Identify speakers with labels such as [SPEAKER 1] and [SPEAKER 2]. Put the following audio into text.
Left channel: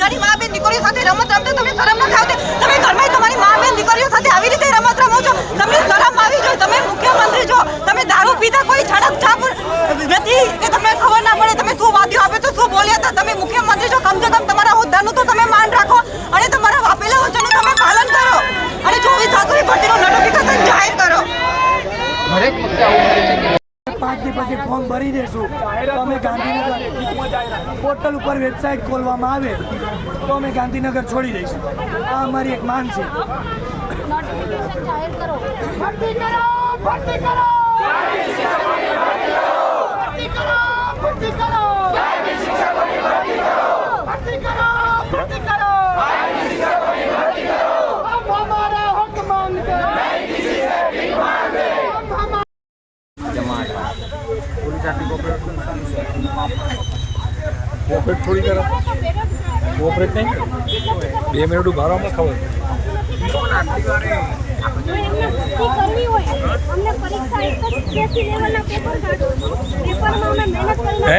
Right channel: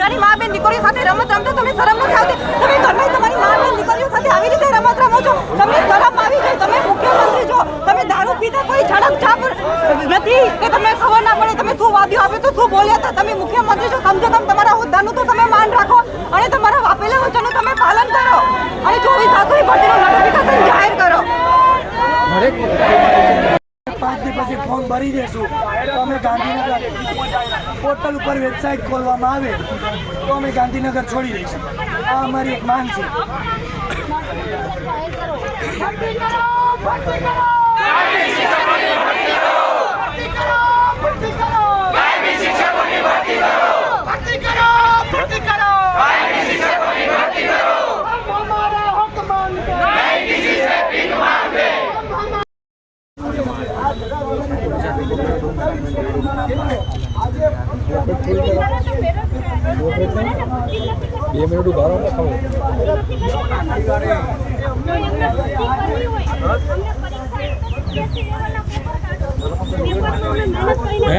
[SPEAKER 1] તારી મા બેન દીકરીઓ સાથે રમત રમતા તમને શરમ નથી આવતી? તમે ઘરમાં તમારી મા બેન દીકરીઓ સાથે આવી રીતે રમત રમો છો? તમને શરમ આવી જોઈએ તમે મુખ્યમંત્રી છો, તમે દારૂ પીતા કોઈ ઝડપ છાપ નથી કે તમને ખબર ના પડે તમે શું વાદ્યો આપે તો શું બોલ્યા હતા? તમે મુખ્યમંત્રી છો કમસે કમ તમારા હોદ્દાનું તો તમે માન રાખો અને તમારા વાપેલા વચનનું તમે પાલન કરો અને ચોવીસ સાતની ભરતીનું નોટિફિકેશન જાહેર કરો.
[SPEAKER 2] દરેક વખતે આવું થાય છે કે
[SPEAKER 3] પછી ફોર્મ ભરી દેશું. તો અમે ગાંધીનગર પોર્ટલ ઉપર વેબસાઇટ ખોલવામાં આવે તો અમે ગાંધીનગર છોડી દઈશું. આ અમારી એક માંગ છે.
[SPEAKER 4] ભરતી કરો ભરતી કરો.
[SPEAKER 2] કોઓપરેટ થોડી કરે કોઓપરેટ નહીં કરે બે મિનિટ ઊભા અમને ખબર. હે?